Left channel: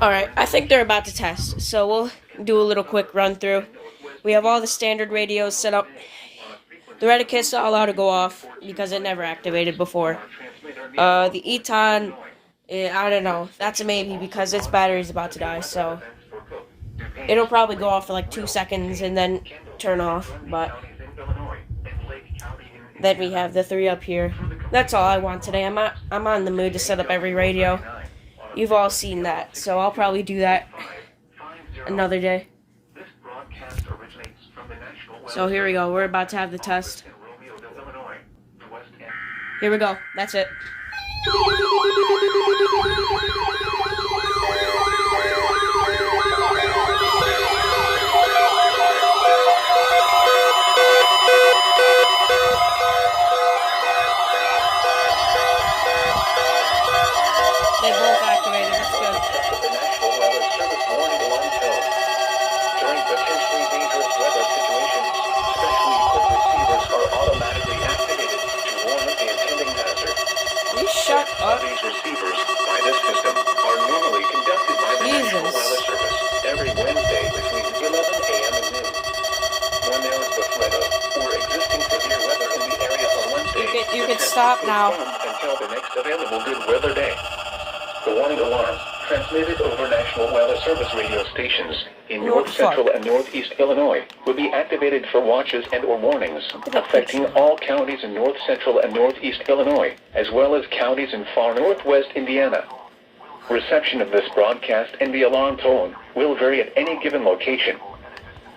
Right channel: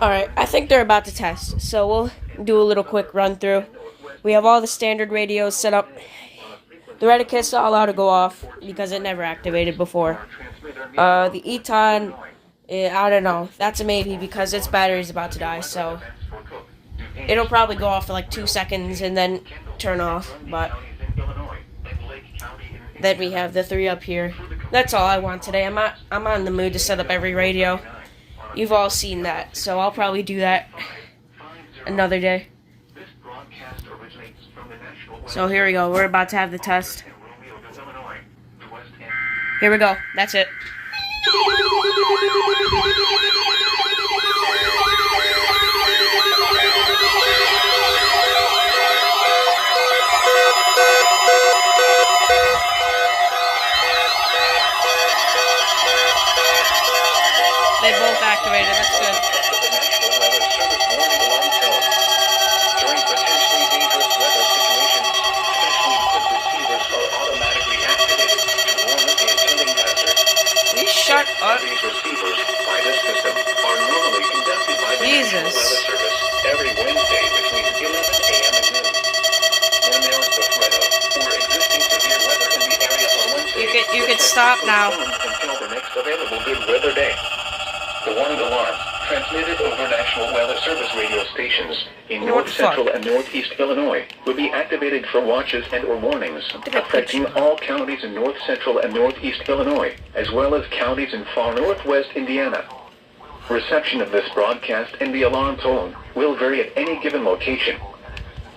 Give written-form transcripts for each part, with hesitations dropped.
Alright, I think they're about to test, so we'll do a little quick run through. We have all the standard radios set up. The Reticus is allowed to go off because it never activated before. The Eton, I don't know, that's a maybe because its battery's about to die, so it'll probably go off for like 2 seconds and then turn off, but then we have the 3 up here. That's all I want today. I'm on the mood to set up every radio. You've all seen that, so I'll probably do that another day. So here we go. We're about to have the test. Here we go. That's it. They both activated. That's good. During potentially dangerous weather situations, specially equipped receivers are automatically activated to warn of the impending hazard. You shut up. These receivers by this system are normally conducted by the National Weather Service every Wednesday between 11 a.m. and noon. When there is a threat of or existing severe weather in the area on Wednesday, You could stop now. Until the next available good weather day. The warning alarms transmitted over National Weather Service radio stations in North Central and Northeast Illinois will be activated for watches and or warnings affecting all counties in North Central and Northeast Illinois, as well as counties in far northwest Indiana. Reception of this broadcast and the alarm tone will vary at any given location.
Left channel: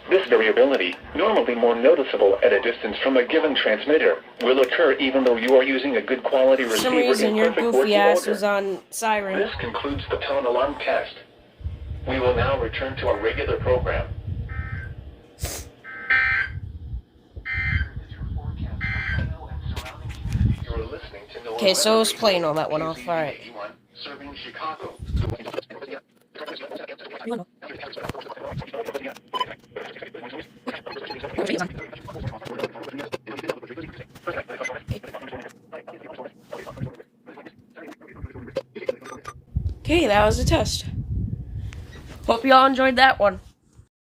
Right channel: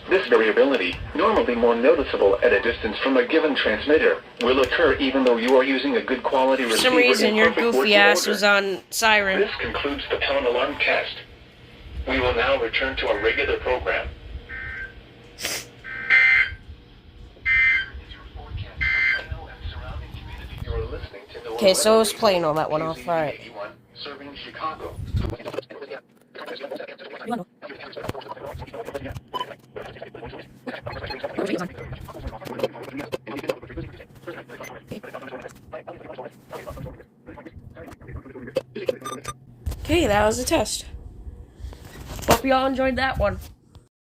This variability, normally more noticeable at a distance from a given transmitter, will occur even though you are using a good quality receiver. For some reason, your goofy ass was on Siren. This concludes the tone alarm cast. We will now return to our regular program. Okay, so it was Plano that went off. Alright. Serving Chicago. Okay, that was a test. Hope y'all enjoyed that one.